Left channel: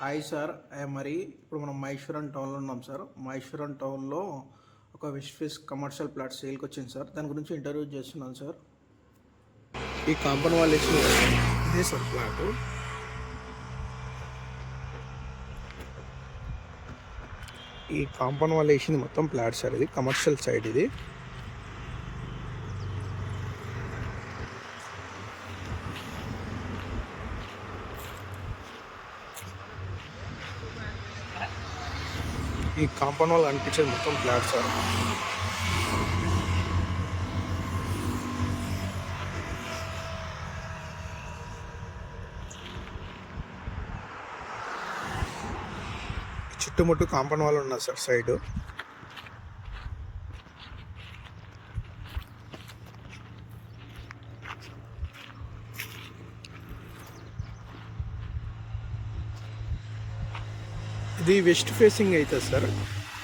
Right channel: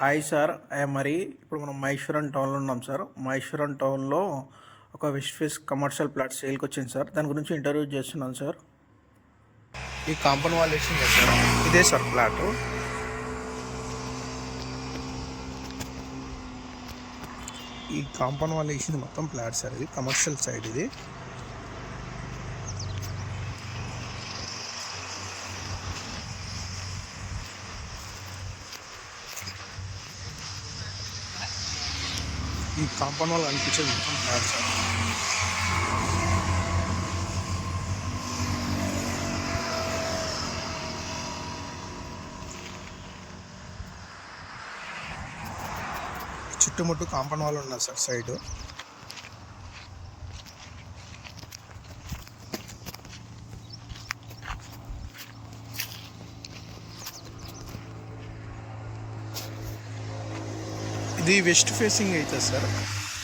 Hi sir, మరి ఇప్పుడు మనం మహేశ్వరం టౌన్లో ఉన్నాం సార్. మహేశ్వరం టౌన్లో ఒక వెస్ట్ ఫేస్ కమర్షియల్ ప్లాట్ సేల్కి వచ్చింది సార్. దాని గురించి ఇంటర్వ్యూ చేస్తున్నాను సార్. ఈ కాంపౌండ్ వాల్ వేసింది కదా సార్, ఇదే సార్ ప్లాట్. ఈ కాంపౌండ్ వాల్ వేసింది మొత్తం ప్లాట్ సార్. ఇది కమర్షియల్ సైడ్. ఇది ఈ కాంపౌండ్ వాల్ అనిపించేది మొత్తం ఫ్లాట్ సార్. చుట్టుముట్టు కాంపౌండ్ వాల్ ఉన్నది సార్ సైడ్. ఇది వెస్ట్ ఫేసింగ్ అవుతుంది sir.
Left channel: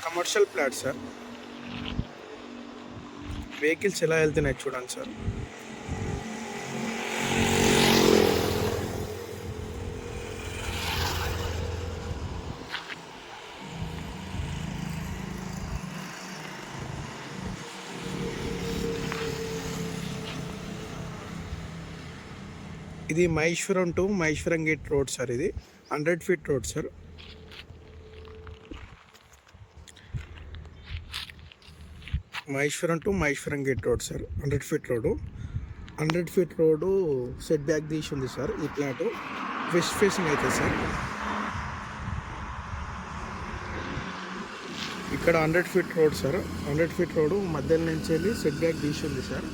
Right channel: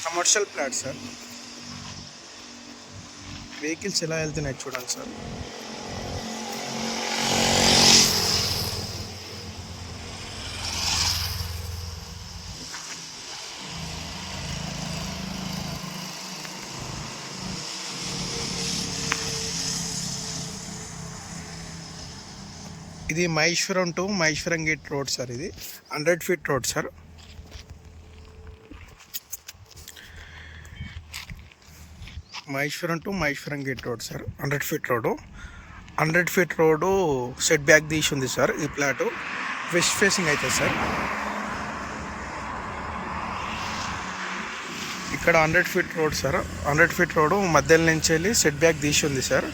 Commercial plot sir. Vehicles ఎలా వెళ్తున్నాయి చూడండి సార్. ఇది Maheshwaram to Maheshwaram gate road sir. ఇది 100 feet road sir. Maheshwaram to Maheshwaram gate road sir. 100 feet road. 100 feet road set back తీసి ఉంది సార్. ఈ ప్లాటు వెస్ట్ ఫేసింగ్ అవుతుంది సార్. ఇక్కడ 100 feet road sir. 100 feet road మధ్యలో నుంచి వెళ్ళి సెట్ బ్యాక్ తీసి ఉంది సార్.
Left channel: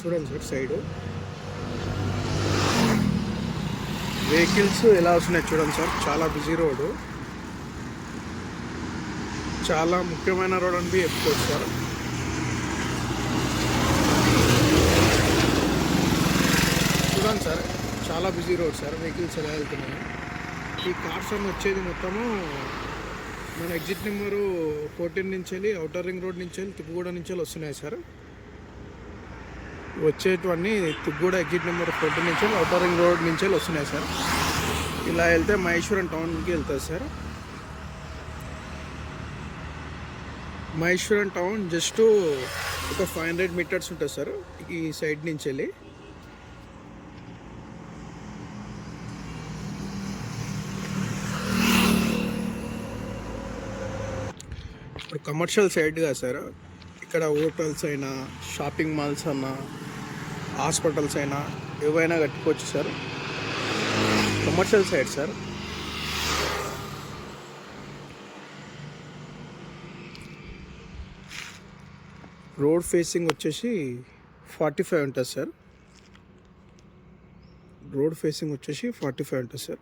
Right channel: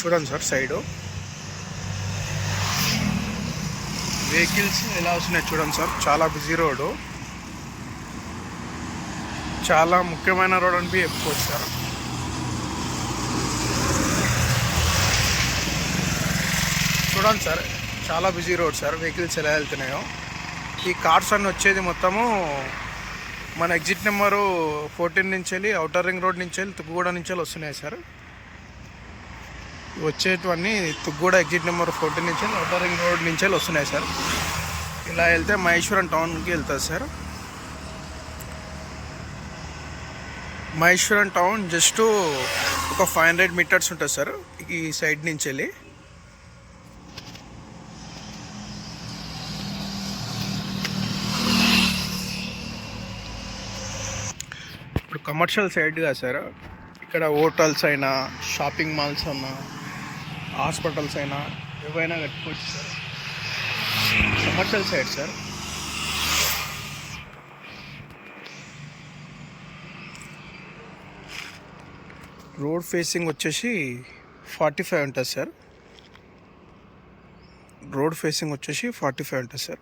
చూడండి సార్ సైడు వెహికల్స్ ఎలా వస్తున్నాయి చూడండి సార్. చాలా బిజీ రోడ్డు, చాలా ముఖ్యమైన రోడ్ అని చెప్పుకోవచ్చు సార్. చూడండి సార్, చాలా బిజీ రోడ్ సార్. వెహికల్స్ ఎలా వెళ్తున్నాయో. ఈ కార్స్ అన్నీ వచ్చేది మొత్తము మన ఎగ్జిట్ నెంబరు 14 నుంచి వెళ్ళి అవుటర్ రింగ్ రోడ్ నుంచి వెళ్ళి తుక్కుగూడ నుంచి వెళ్ళి వస్తున్నాయి సార్. వచ్చేటివన్నీ తుక్కుగూడ ఎగ్జిట్ నెంబర్ 14 నుంచి వెళ్ళి అవుటర్ రింగ్ రోడ్ నుంచి వెళ్ళి వస్తున్నాయి సార్. ఇలా వెళ్తే మహేశ్వరం టౌన్కి వెళ్తుంది సార్. మహేశ్వరం టౌన్ జస్ట్ ఒక 500 మీటర్స్ ఉంటుంది సార్ ఈ సైడ్ నుంచి వెళ్ళి. ఇప్పుడు కమర్షియల్ సైడ్గా సార్. ఇక్కడ హోటల్స్ అయినా, షాపింగ్ మాల్స్ అయినా, హాస్పిటల్స్ అయినా ఏవైనా కట్టుకోవచ్చు sir. Commercial side sir. Road facing వచ్చేసి 45 ఉంటుంది సార్. రోడ్ ఫేసింగ్ వచ్చేసి 45 ఉంటుంది సార్.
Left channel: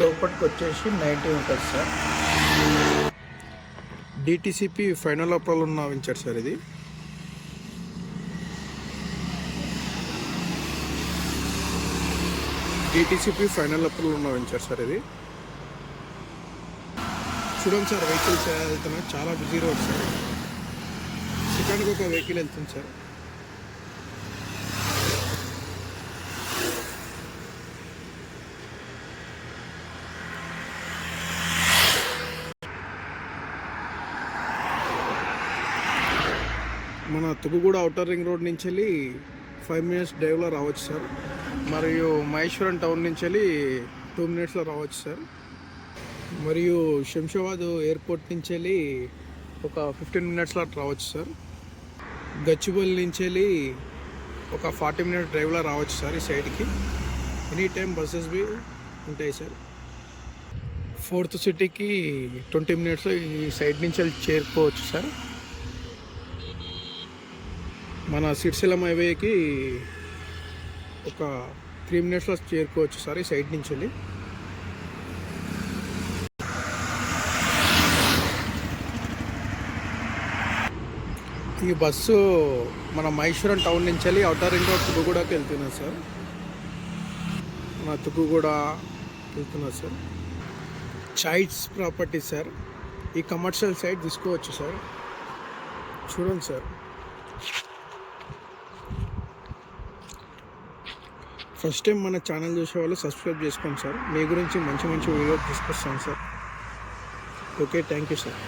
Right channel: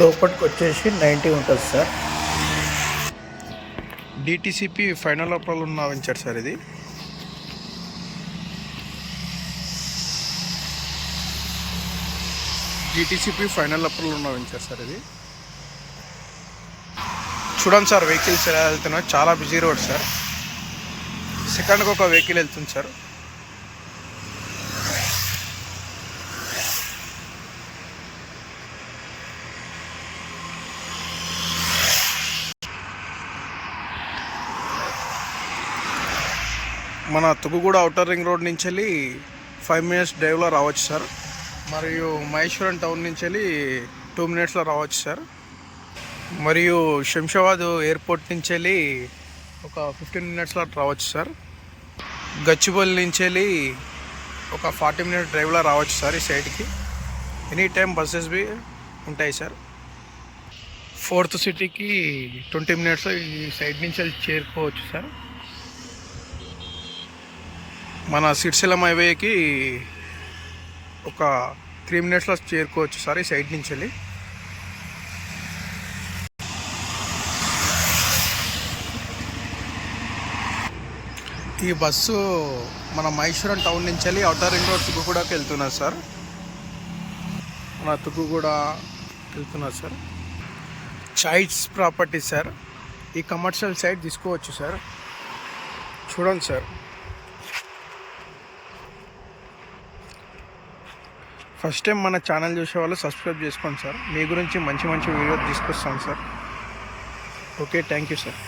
లోపలికి వచ్చేసి 90 ఉంటుంది సార్. డిటిసిపి ఫైనల్ అప్రూవల్ ఉన్న వెంచర్ సార్ ఇది. డిటిసిపి ఫైనల్ అప్రూవల్ ఉన్న వెంచర్ సార్ ఇది. చూడండి సార్ వెహికల్స్ ఎలా వెళ్తున్నాయి. చాలా బిజీ రోడ్ సార్. సెకండ్కి ఒక వెహికల్ వెళ్తుంది సార్. మన తుక్కుగూడ అవుటర్ రింగ్ రోడ్ నుంచి వెళ్ళి 5 మినిట్స్ డ్రైవ్లో రావచ్చు సార్. మరియు మహేశ్వరం టౌన్ నుంచి వెళ్ళి 2 మినిట్స్లో రావచ్చు సార్. మరియు శంషాబాద్ ఎయిర్పోర్ట్ నుంచి వెళ్ళి ఒక 15 మినిట్స్లో రావచ్చు సార్. గచ్చిబౌలి నుంచి వెళ్ళి ఒక 40 మినిట్స్ డ్రైవ్లో రావచ్చు సార్ ఈ సైడ్కి. ఎనీ టైం బస్సెస్ బి ఉంటాయి సార్. 4th సిటీకి 20 మినిట్స్లో ఈ సైడ్ నుంచి వెళ్ళి చేరుకోవచ్చు సార్. మన సిరిసిల్లం హైవేకి ఒక 3 మినిట్స్లో చేరుకోవచ్చు సార్ ఈ సైడ్ నుంచి వెళ్ళి. ఈ బస్సు మన మహేశ్వరం టౌన్ నుంచి వెళ్ళి అవుటర్ రింగ్ రోడ్ తుక్కుగూడకి వెళ్తున్నది సార్. మన తుక్కుగూడ వెళ్తున్నది సార్. Choice property sir. ఈ కమర్షియల్ సైడ్ తీసుకోవచ్చు సార్. చూడండి సార్, ఫస్ట్ టైం మన ఛానల్ చూసే వాళ్ళు సబ్స్క్రైబ్ చేసుకోండి సార్. మీ గురించి మంచి మంచి వీడియో తీసుకొస్తాం sir. Okay, thank you sir.